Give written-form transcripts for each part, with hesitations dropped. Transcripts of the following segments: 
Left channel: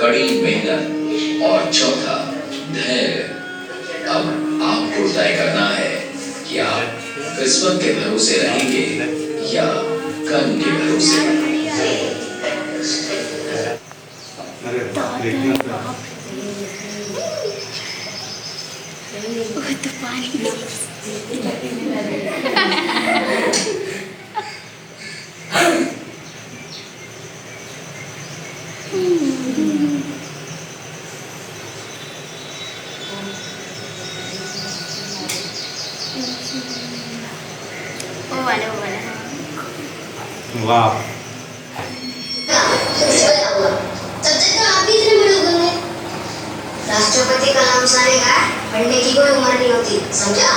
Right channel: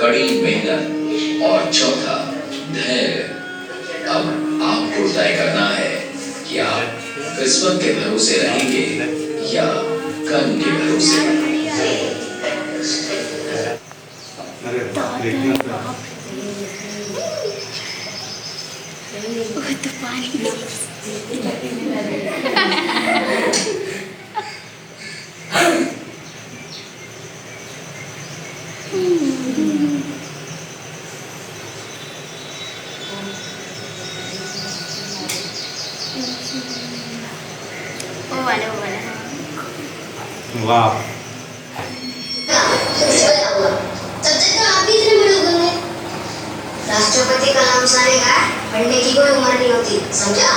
कड़ी मेहनत और चौथा धैर्य। अब आपको तय करना है कि आप किस्मत के भरोसे रहेंगे या कर्म के भरोसे। तो पानी वो वाला वाह राष्ट्रपति कलाम साहब ने कहा पढ़ने की कोई उम्र नहीं होती, समझा?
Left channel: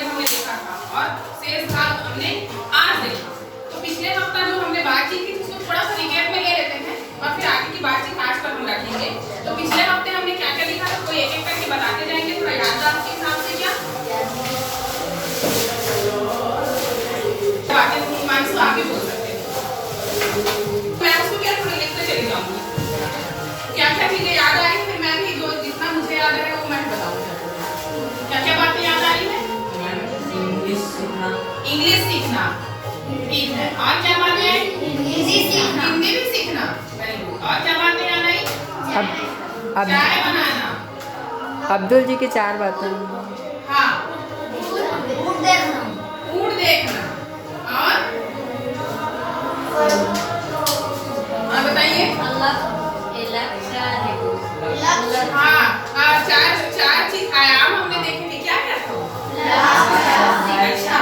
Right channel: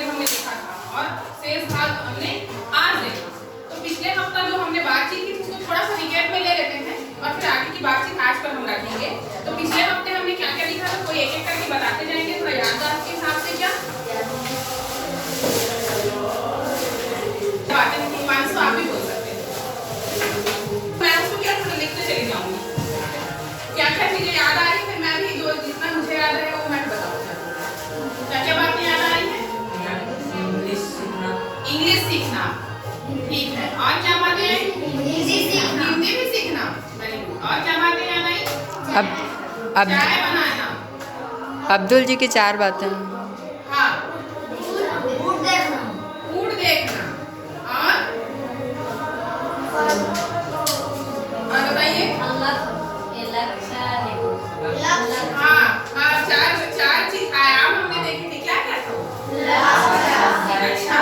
हमने देखा था और शेष भाग हमने आज देखा। तो पिछले हफ्ता जो हमने बातचीत की उसको थोड़ा सा रिकैप में ले लेते हैं और फिर आगे की बातचीत आज पर हम रखेंगे। तो पिछले हफ्ते हमने क्या क्या लिखा था, कोई एक एक करके बताते जाएंगे, थोड़ा याददाश्त के हिसाब से। क्या बातें मानसू आप ही बोल सकते हैं, मैं उसको क्या थोड़ी लिखते चली जाऊंगी, क्या क्या चीजें याद आ रही, फिर मैं भी जो जितना मुझे याद है वो मैं बताऊंगा। क्या क्या बातें याद आ रही है? इंग्लिश सीखना, ठीक है। और क्या बातें आई? हिंदी भी सीखना, वेरी गुड। और क्या बातें याद आई? अब चाय बनाना, अब्दुल जी की 4 बातें। हाँ, ऊँट देखना, और बताइए। हाँ, चार चीज आयाम हमने देखे थे, क्या क्या था? अच्छा,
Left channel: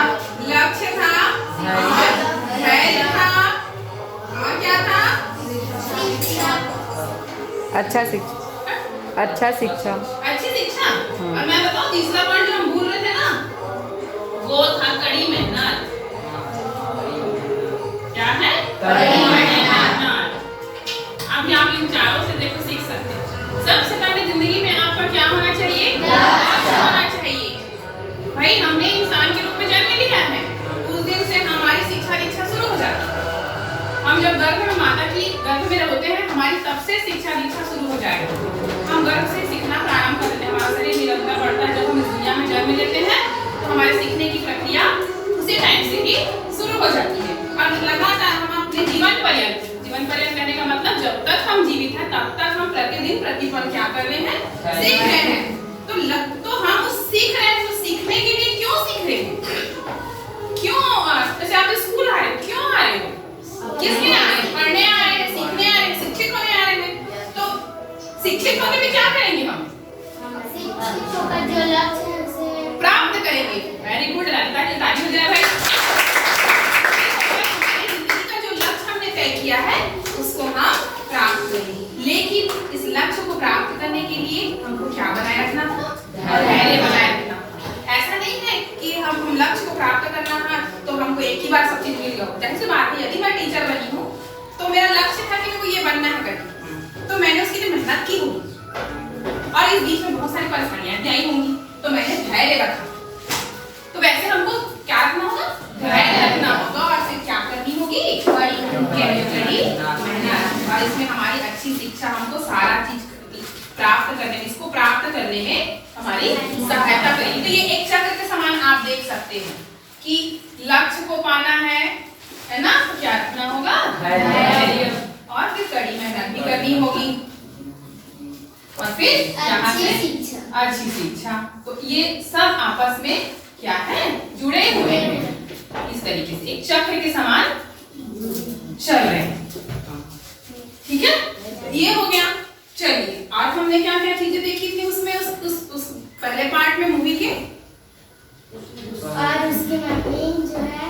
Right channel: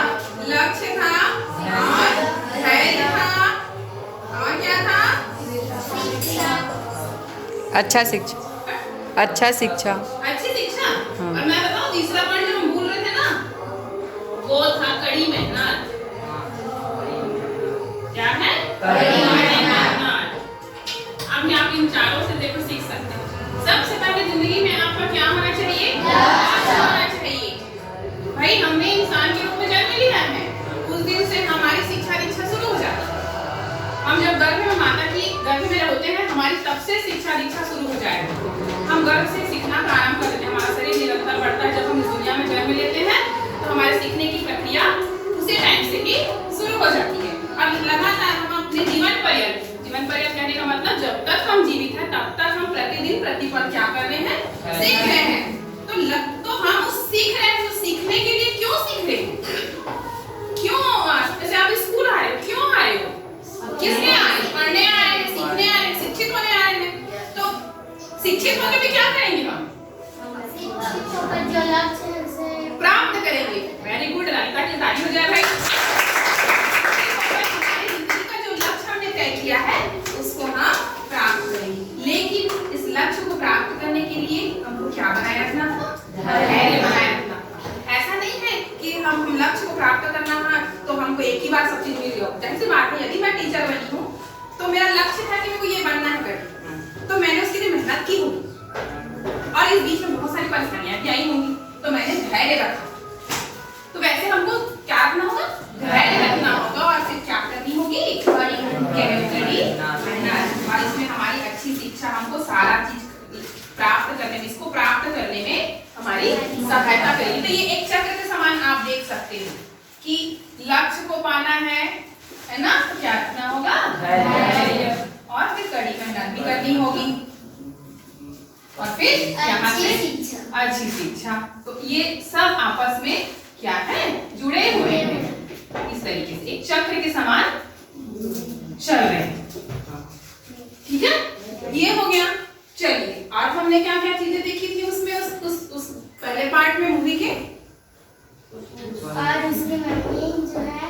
लक्ष्य था, धैर्य था, और क्या था? अच्छा शिक्षा। अच्छी शिक्षा। और मैं बताऊं तीसरा पॉइंट जो हम भूल रहे थे ना, वो था कड़ी मेहनत। क्या है? कड़ी मेहनत। अब आप इन चारों से देखो सीख सकते हैं। सबसे पहले जिंदगी में आपका क्या होना चाहिए? होना चाहिए। भाई हमने इंसान के रूप में जन्म लिया है, उस दिन से हमारी शिक्षा दीक्षा शुरू हो जाती है। हम जब गर्भ में माता की गर्भ में होते हैं, हमारी तब से शिक्षा दीक्षा शुरू हो जाएगा। हम गर्भ से सीखना प्रारंभ करते हैं, हमारा शरीर निरंतर बढ़ता है। जब हम इस दुनिया में जन्म लेते हैं तो हमारे सीखने की प्रक्रिया उसी टाइम से ही शुरू हो जाती है। और लगातार हम अपने जीवन पर्यंत कहने का मतलब जब तक हम जीवित हैं तब तक हम प्रतिदिन प्रतिपल क्या कर रहे हैं? सीख रहे हैं। तो हम उस सीख रहे हैं, तो सीखने के लिए क्यों सीख रहे हैं? क्यों? जैसे आप स्कूल आ रहे हो, क्यों आ रहे हो? किस लिए आ रहे हो? पढ़ने आ रहे हैं, सीखने आ रहे हैं, शिक्षित होने आ रहे हैं। तो शिक्षित होने में क्या करेंगे हम? प्राप्त करेंगे। वेरी गुड, ललिता जी ताली हो जाए भाई। जिंदगी का जो लक्ष्य हमने तय किया है उसको हम प्राप्त करेंगे। लेकिन इस लक्ष्य को प्राप्त करने के लिए हमको क्या बनाए रखना था? धैर्य बनाए रखना था। ऐसा नहीं है कि हम लक्ष्य को प्राप्त करना है तो हमको एक ही बार सब चीज मिल गया। जैसे बात है, यदि मैं टीचर बनी हूँ तो मेरा लक्ष्य था कि मेरे को ये बनना है करके, तो मैंने उसके लिए मेहनत की होगी और इस बीच में बहुत सारी परेशानियां भी आई होंगी, तो मैंने धैर्य रखा। तो वैसे हमको क्या रखना होगा? धैर्य रखना होगा। और फिर क्या करनी होगी? कड़ी मेहनत। और इसमें हमारी अच्छी शिक्षा हमको सारा चीज प्राप्त करने में, इसको प्राप्त करने में हमारी सहायता करेगी। तो ये एक चक्र के समान आप देख सकते हो कि लक्ष्य को पाना है ना, तो क्या रखना होगा? धैर्य। और फिर कड़ी मेहनत भी करनी होगी, और फिर अच्छी शिक्षा। तो ये सब आपस में क्या है? जुड़े हुए हैं। इस तरीके से एक चक्र के समान चल रहे हैं। ठीक है, ये हो गया। चलिए, और हमने क्या क्या चीजें देखी थी उसमें, उस पहले पार्ट में मूवी के? और उसकी मम्मी जो है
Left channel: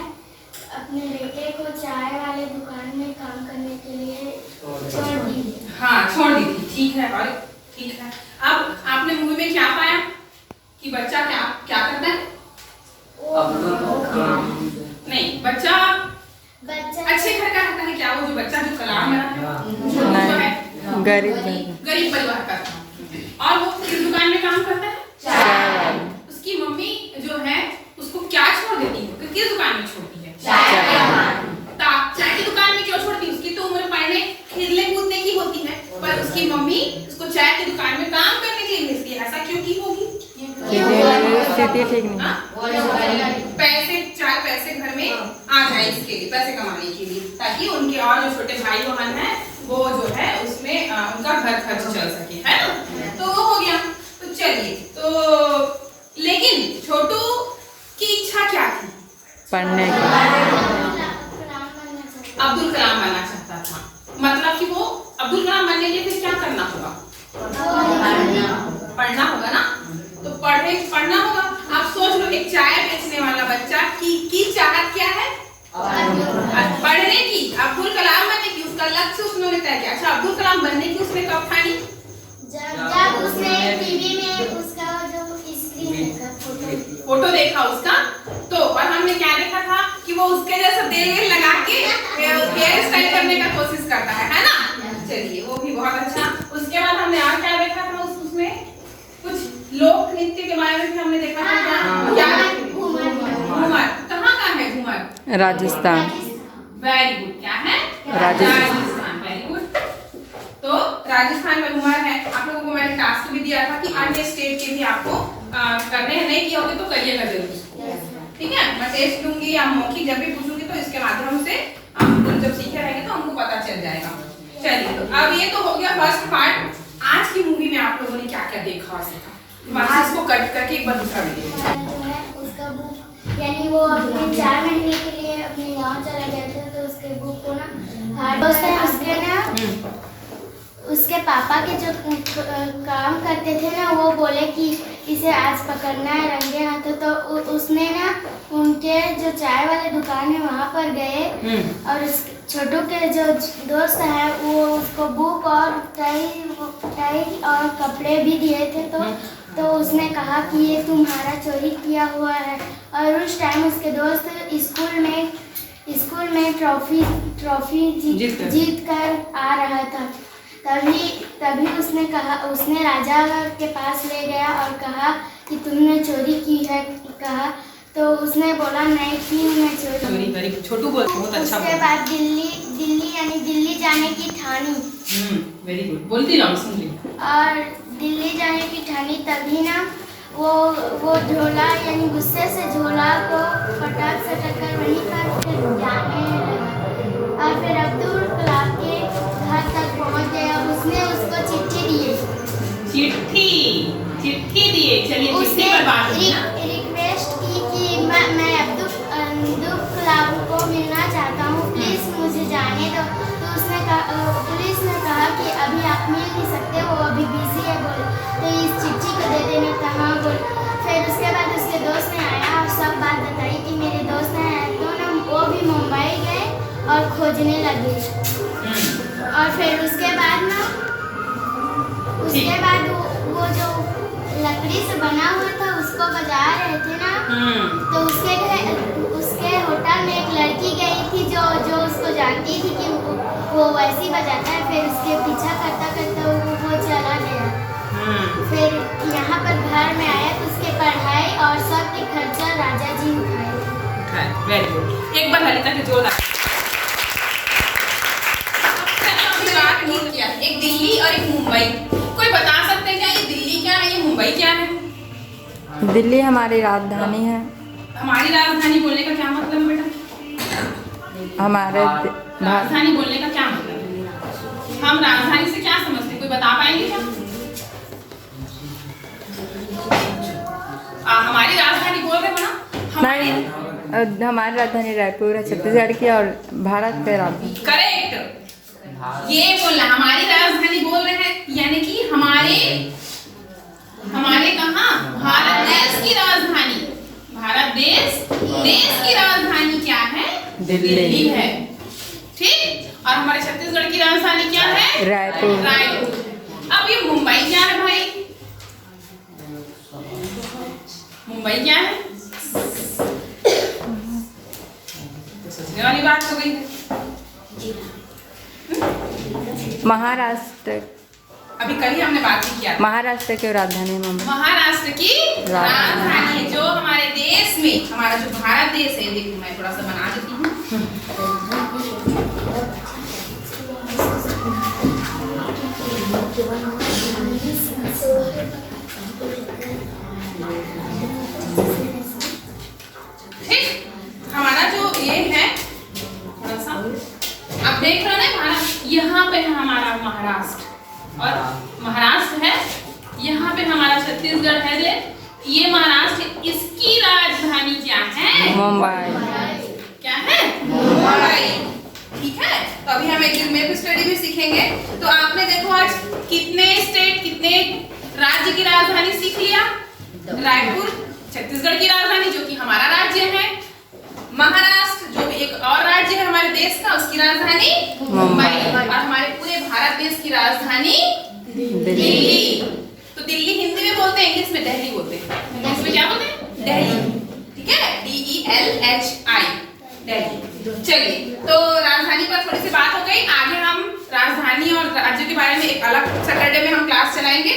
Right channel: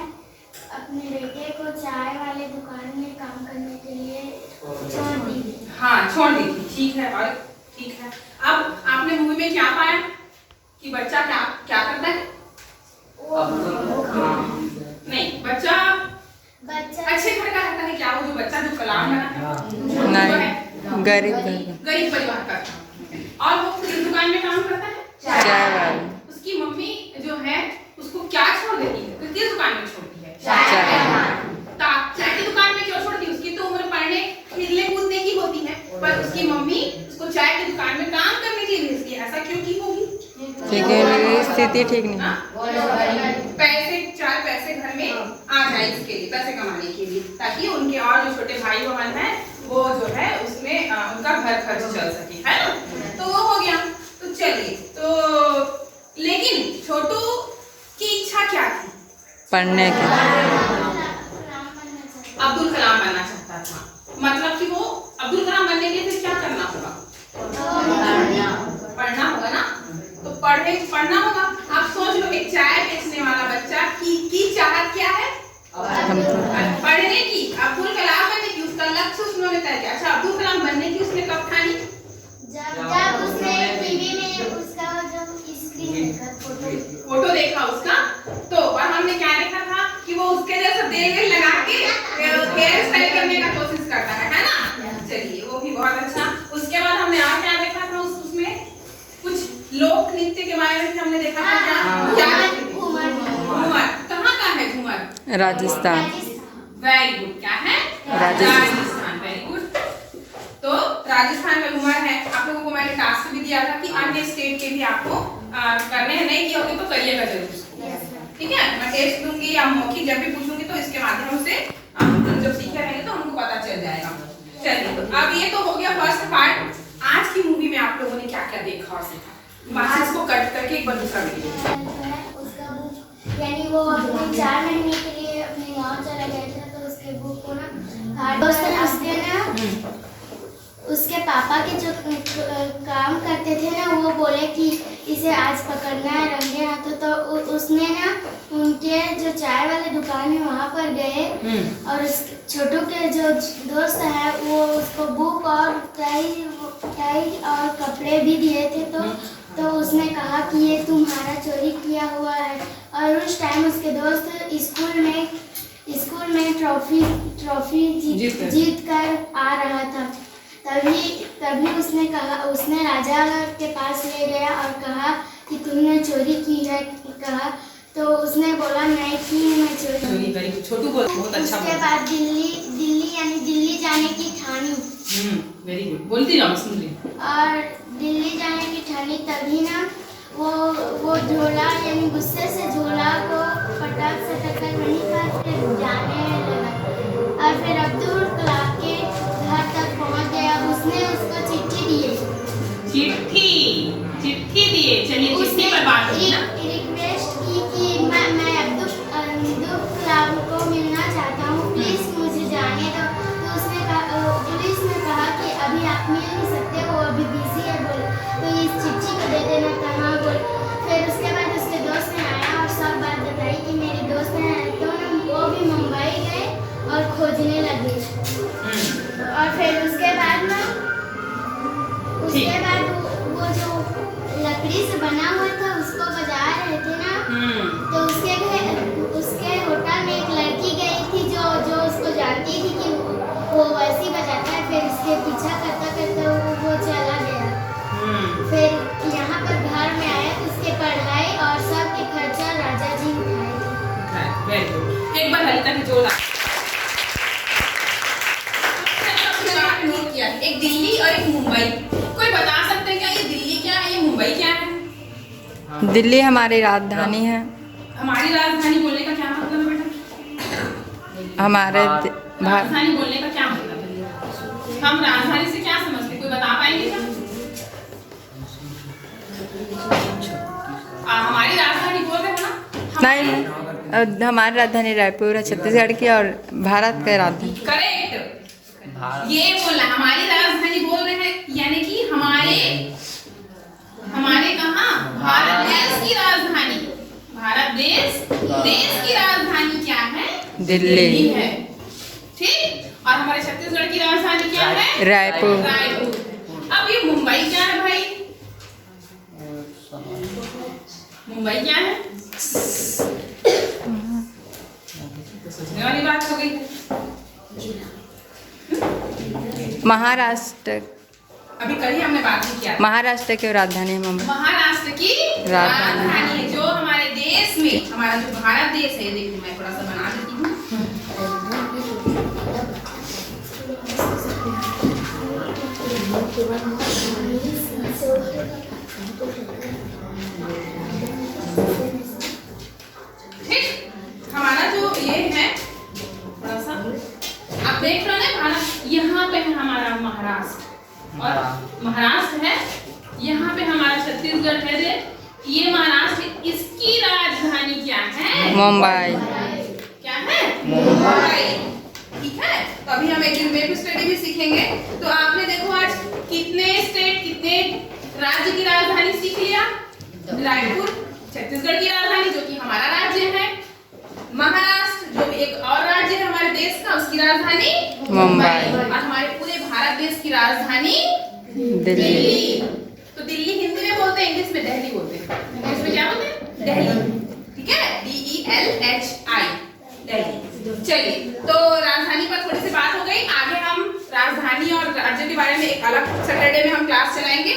अपने बेटे को चाय वाले दुकान में काम करने के लिए छोड़ दी। हाँ, छोड़ दी थी। ठीक है, और ठीक है। अब आपने मूवी में क्या पाया कि बच्चा क्या क्या करता है? नहीं, बच्चा अच्छे घर का रहता है क्या? वो जो बच्चा जो कलाम बना है, गरीब परिवार का था। और वो किस दुकान में काम करता है? चाय वाली। उसकी मम्मी जो है उसको क्या छोड़ देती है? तो किस दुकान में छोड़ती है? चाय। चाय की दुकान में क्यों छोड़ती है? उसकी तो उम्र पढ़ने खेलने उसकी मम्मी उसको चाय की दुकान में काम करने के लिए भेजती है। ऐसा क्यों की होगी? क्योंकि स्थिति ठीक नहीं। हाँ? पैसे, 4 पैसे घर में आ जाए इसके लिए, पैसे कमाने के लिए, ताकि उनके और जो छोटे भाई बहन हैं वो जो है उसमें उनका घर खर्च चल सके, है ना? तो वो हो गया। तो चलिए, तो लेकिन छोटू की इच्छा क्या थी? पढ़ने की। अब्दुल कलाम बनना चाहता था। मतलब कि वो अब्दुल कलाम बनने के लिए फिर क्या करना होगा? पढ़ना होगा ना। तो पढ़ना होगा। आप सोच लो, एक चाय बेचने वाला बच्चा की चाहत क्या है? पढ़ने की, अब्दुल कलाम बनने की, उसका लक्ष्य उन्होंने तय किया। अच्छा, अब्दुल कलाम बनने की उसने कब ठानी? जब उसने टीवी में उसका जो स्क्रीन देखा, फोटो देखा उसका, तो और हमने क्या देखा था कि वो उसके जैसा तेल लगा के हेयर स्टाइल करने का कोशिश करता है ना? चलिए, वो भी बहुत अच्छा। उसके बाद हमने और क्या देखा था? उसमें कुछ लोक नृत्य के बारे में भी हमने देखा था। क्या? घूमर। कहाँ का है घूमर? राजस्थान। Very good. क्या है? राजस्थान। Very good. तो राजस्थान का घूमर है। आप लोगों को मैंने टास्क भी दिया था कि अन्य स्टेट के भी आपको करने हैं। नहीं किए होंगे तो करिएगा जरूर, ठीक है? मैं टेस्ट दूंगी या मौखिक जब भी पूछूंगी तो इसके माध्यम से आप जब सीखे रहेंगे तो हमको पता चल जाएगा। चलिए, तो अब ये तो हो गया फर्स्ट पार्ट। आज की मूवी में आप लोगों ने क्या क्या देखा और सीखा? वहाँ इसको कट करके एक बार दूसरा वीडियो उसका बुक, यानी वो अपने 4 महीने के लिए अपने गांव चला गया था, तो उसके बुक को ना उसके ना उसके पापा के जो काम करते थे ना, वो बोले कि इसे आज पकड़ना है रंगे हाथों। तो उसने ना उनके जो चाय वाले दुकान है वहाँ पर गए और उस छोटू के जो दोस्त है वो उसको बुक और टाई और कपड़े भी दिए थे। तो उसने कहा कि ये तुम्हारा चोरी किया हुआ है। और उस टाइम उसके दोस्त स्कूल में ट्रॉफी जीत कर आ रहा था। तभी उसने राजा के पास ले गया और कहा कि तुमने चोरी की है। कहा तो उसने बोला नहीं की मैं चोरी। छोटू बोल बहुत अच्छा। उसके बाद दिल्ली जाने की ठानी। Very good. बोलती जाओ, सुन रही। और दिल्ली जाने की ठानी। तभी ना वो झोला, यानी गुस्से से झोला को पटक कर वहीं पर फिर जाने लगा। और फिर अब्दुल कलाम के घर तक पहुंच गया। उसने उसको चिट्ठी दिए। चलिए, उसने रिक्वेस्ट की कि मैं अब्दुल कलाम को मिलना चाहता हूँ, प्लीज मुझे जाने दो। तो उसने कहा, पुलिस ने कहा कि अभी आप मिल नहीं सकते, वो अभी बिजी है बोल, तो इस चिट्ठी को दे देना था। हाँ बोल। फिर उसके बाद उसके दोस्त ने आया और सब बात बताई कि मेरे दोस्त हैं, तो ना वो भी मुंबई गए और खोजने लगे। और फिर उसके बाद वो जो लकड़ी से बना हुआ था उसको बजा रहे थे ना, तो उसके होटल में एक लड़की गई थी जो उसको जानती थी कि वो वैसे ही बजाता है। फिर उसके पीछा करता वो चला गया। फिर यहाँ पर घर में आया तो उसके पढ़ाई और सब के खर्चा राजा जी उठाए। Very good. एक बार ललिता के जोर किया। एक दिल्ली और एक मुंबई। कोई बता सकते हैं क्या ये दिल्ली क्या है, ये मुंबई क्या है? दिल्ली हमारी राजधानी है। हमारी राजधानी बोलने का क्या मतलब बेटा? हमारे राजधानी बोलने का क्या मतलब है? हम राजधानी से क्या समझते हैं? कोई बता पाएंगे क्या? हमारी राजधानी बोल रहे हो ना? नहीं, हमारी राजधानी रायपुर है, छत्तीसगढ़ की, और भारत का राजधानी। करेक्ट। ये बोलना हमारी राजधानी बोल रहे हैं, यानी कि हमारे कहाँ? भारत देश की राजधानी। भारत देश की राजधानी क्या है? दिल्ली है। ठीक। और हमारे छत्तीसगढ़ की राजधानी क्या है? रायपुर। अब ये मुंबई क्या है भाई? मुंबई क्या है? तो सोचने वाली बात हो गई है। महाराष्ट्र। अभी कल ही हमने बात भी किया। महाराष्ट्र की राजधानी है मुंबई। महाराष्ट्र की राजधानी है जो हमारे देश में, हमारा जो भारत देश है। देखो मैं थोड़ा सा बना देती हूँ। ठीक, हमारा जो ये है थोड़ा सा आप देख रहे हैं भारत, यहाँ पे है हमारा महाराष्ट्र और महाराष्ट्र है, यहाँ पे हमारा छत्तीसगढ़ है। ये महाराष्ट्र, इसकी राजधानी क्या है? मुंबई। क्या है? मुंबई। ठीक है, तो अभी हम एक मैप स्टडी भी सीखेंगे। तो आपने देखो आज कितने स्टेट, कितने राज्य की राजधानी सीख लिया। रायपुर छत्तीसगढ़ की राजधानी जो कि हमारा राज्य है, महाराष्ट्र जो एक और राज्य है हमारे देश का, उसकी राजधानी मुंबई। और हमारे पूरे भारत देश की राजधानी दिल्ली। तो दिल्ली हिंदी में बोलते हैं, इंग्लिश में दिल्ली बोलते हैं। इंग्लिश में क्या बोलते हैं? दिल्ली। ठीक है, DELHI, दिल्ली। चलिए, तो राजधानी पर थोड़ी सी बात हो गई। आगे हम राजधानी और राज्यों के बारे में एक अलग सैटरडे में हम क्लास चलाएंगे।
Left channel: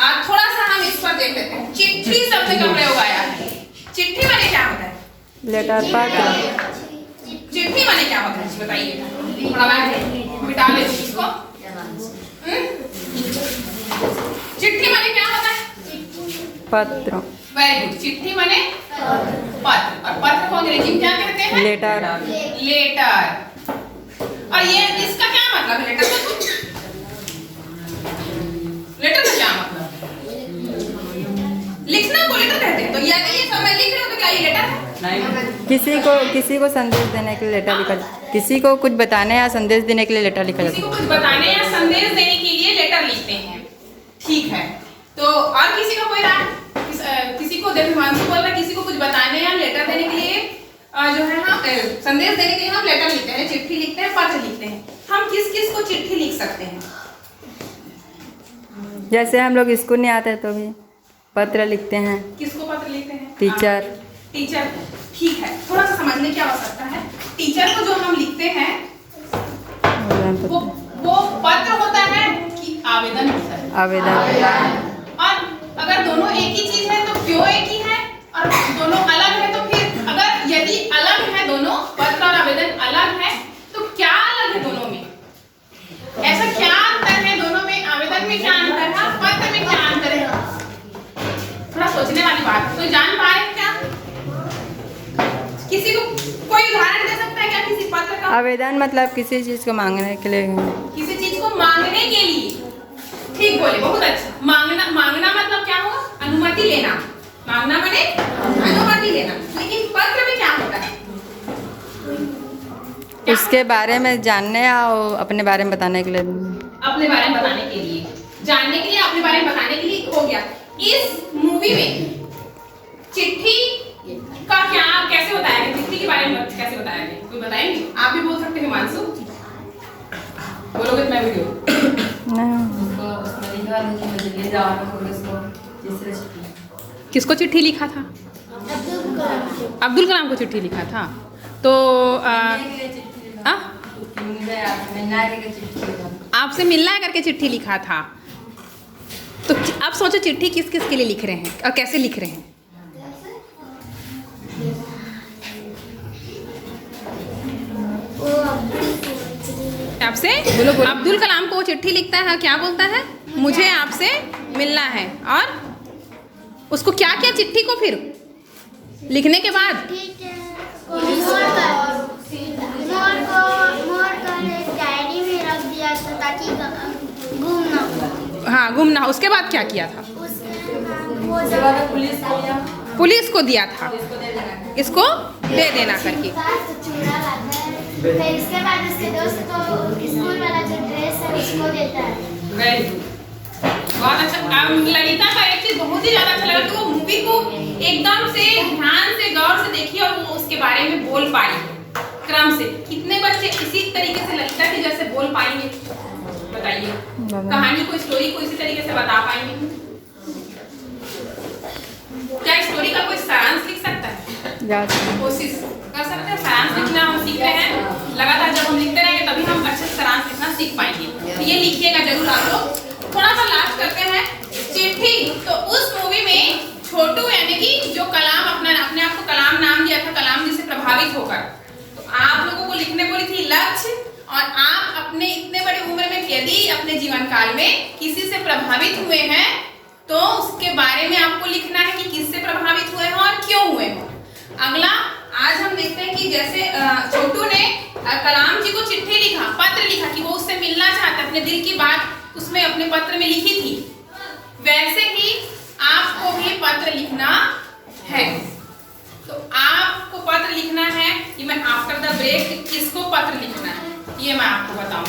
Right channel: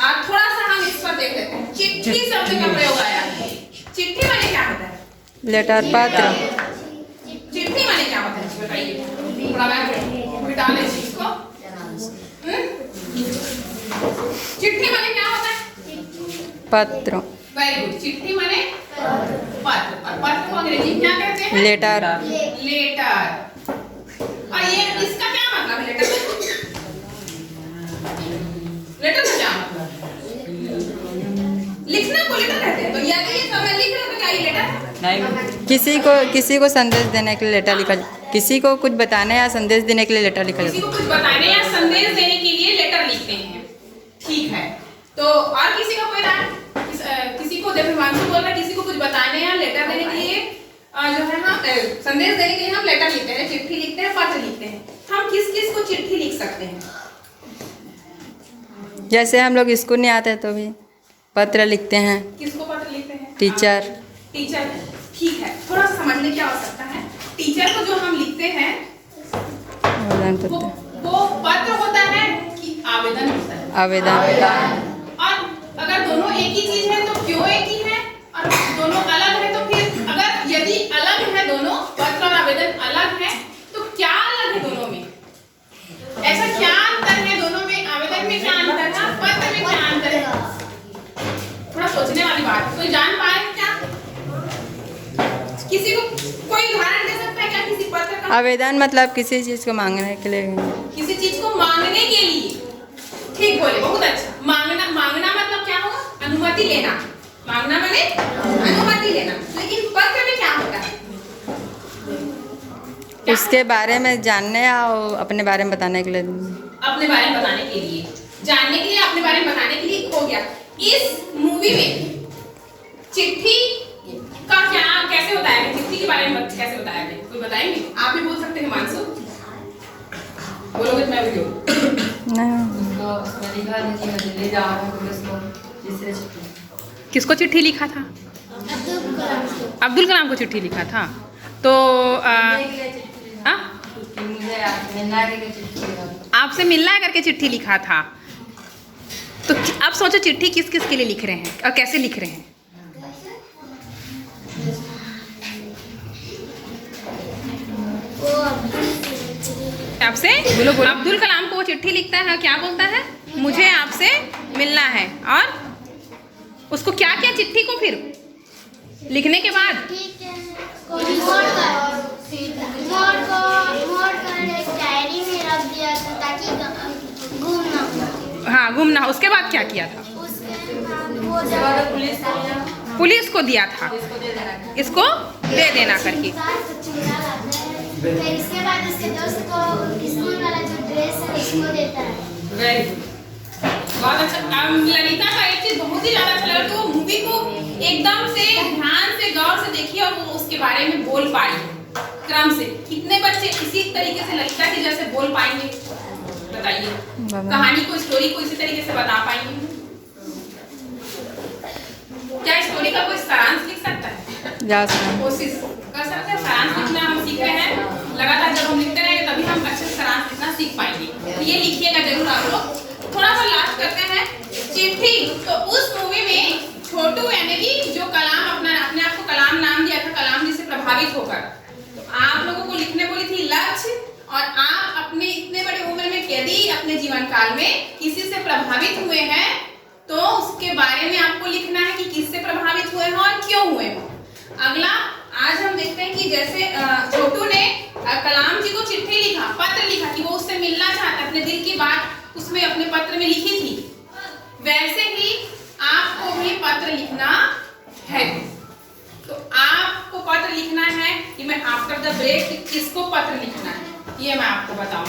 आज थोड़ा सा हम इस पर देख लेते हैं। चिट्ठी शब्द का प्रयोग आया है। चिट्ठी माने क्या होता है? लेटर, पत्र। चिट्ठी माने क्या होता है बताइए। थोड़ा मैं मिटा ले इसको। चिट्ठी माने क्या होता है? पत्र। Very good. चिट्ठी माने पत्र, और पत्र को अंग्रेजी में क्या कहते हैं? लेटर। लेटर। और ये इसका क्या मतलब है? लेटर का, लेटर का क्या मतलब है? लिखना को लेटर कहते हैं। तो यानी ये सब मैं लिख रहा हूं तो क्या ये लेटर है? किसी को संदेश देने के लिए लेटर लिखा, किसी को कुछ बताने या संदेश देने के लिए लेटर लिखा किसी जाता को कुछ बताने या संदेश देने के लिए लेटर लिखते हैं। ठीक है, तो और किसी का कोई राय? किसी को, देखो हिमांशु बोल रहा है किसी को कुछ बताने या लेटर देने के लिए जो है हम संदेश देने के लिए हम लेटर लिखते हैं, चिट्ठी लिखते हैं, पत्र लिखते हैं। हम किस किस को चिट्ठी लिख सकते हैं? जैसे हम लोग स्कूल नहीं आते तो भी पत्र लिखते हैं। किसको पत्र लिखते हैं? टीचर। टीचर। ठीक है, थोड़ा सा समझने की आवश्यकता है। टीचर को जो हम लिखते हैं वो पत्र होता है कि आवेदन होता है? आवेदन। और अगर दोनों एक ही चीज है तो क्यों एक ही है, और दोनों अलग है तो फिर, अगर यदि अलग है दोनों, पत्र और आवेदन अलग है, तो क्या अलग है दोनों में? ऐसा क्या अंतर है दोनों में? आवेदन में क्या अंतर है, पत्र में क्या अंतर है? थोड़ा सोचने वाली बात। तो जान पा रहे हैं क्या? किसी को कोई उदाहरण दे सकता है क्या किसी पत्र का? आवेदन मतलब किसी चीज को मांगने के लिए। किसी चीज को मांगने के लिए। ठीक बोले, बहुत अच्छा। मांगना, मांगना मतलब क्या होगा? अनुमति लेना। मांगना माने अनुमति लेना। लेकिन पत्र में क्या होता है? उसके बारे में जानने या अपने बारे में बताने के लिए। अपने बारे में बताने के लिए, जानने के लिए, अपने बारे में बताने के लिए हो गया। इस मूवी में चिट्ठी का क्या, कैसे बताया गया? चिट्ठी के बारे में कैसे बताया गया? कोई बताएंगे? आप भी बोल सकते हैं हिमांशु। बोलोगे तो मैं भी बोलूं। किसको चिट्ठी लिखा था? अब्दुल कलाम को चिट्ठी लिखा था। तो आपसे मिलना है करके चिट्ठी लिखा था। तो अब सोचो चिट्ठी किस किस के लिए लिख रहे हैं और कैसे लिख रहे हैं? आपसे बोलो, बोलो। अब्दुल कलाम को वो चिट्ठी लिखता है, क्या बोलता है? मुझे आपसे मिलना है। और उसको क्या किया चिट्ठी को फिर लिखने के बाद? ठीक है, मोड़ कर एक डायरी में रख दिया था ताकि गुम ना हो। हाँ, गुम ना हो। उसके बाद क्या किया था? उसके बाद वो जब पुलिस को दिया था, इसको दे देना करके। फिर इसके बाद उसके दोस्त को स्कूल वाला जो ड्रेस है उसको देता है। वेरी गुड, बहुत अच्छा। ललिता का एक चीज बहुत ही ज्यादा अच्छा लगा कि वो मूवी को एकदम से ध्यान से गौर से देखी और वो उसके बारे में बोल पाई क्रम से। कितने बच्चे इसी तरीके से ललिता की जैसे बोल पाएंगे? बताइए, कहानी को, स्टोरी को इसी तरीके से बता पाएंगे? क्या स्टोरी का कोई सारांश लिख सकता है? कोशिश कर सकते हैं। सारांश लिखना हम सीख रहे हैं लगातार। जब हम लिखते रहेंगे तभी हम अच्छे से सारांश लिखना सीख पाएंगे। तो ये लिखिएगा जरूर आप लोग। थोड़ा सा लास्ट करते हैं। चिट्ठी, तो उस मूवी में छोटू यानी कि जो कलाम अपने आप को कलाम नाम दिया था, कलाम जी से प्रभावित होकर, तो आप लोगों को लिखने बोली थी लक्ष्य और आप अपने इतने बड़े उम्र में यदि अपने जीवन काल में किसी से प्रभावित हुए हैं तो उसके बारे में आपको लिखना है कि किससे प्रभावित हुए हैं और क्यों हुए हैं। अगला आज हम देखते हैं कि जैसे छोटू ने कलाम जी को चिट्ठी लिखा, पत्र लिखा कि वो उससे मिलना चाहता है, अपने दिल की बात उसमें अपने पत्र में लिखी थी। वैसे ही आपको भी पत्र लिखना है। तो आपको पत्र लिखना है कि मैं आफ्टर द ब्रेक किसको पत्र लिखना है ये मैं आपको बताऊं।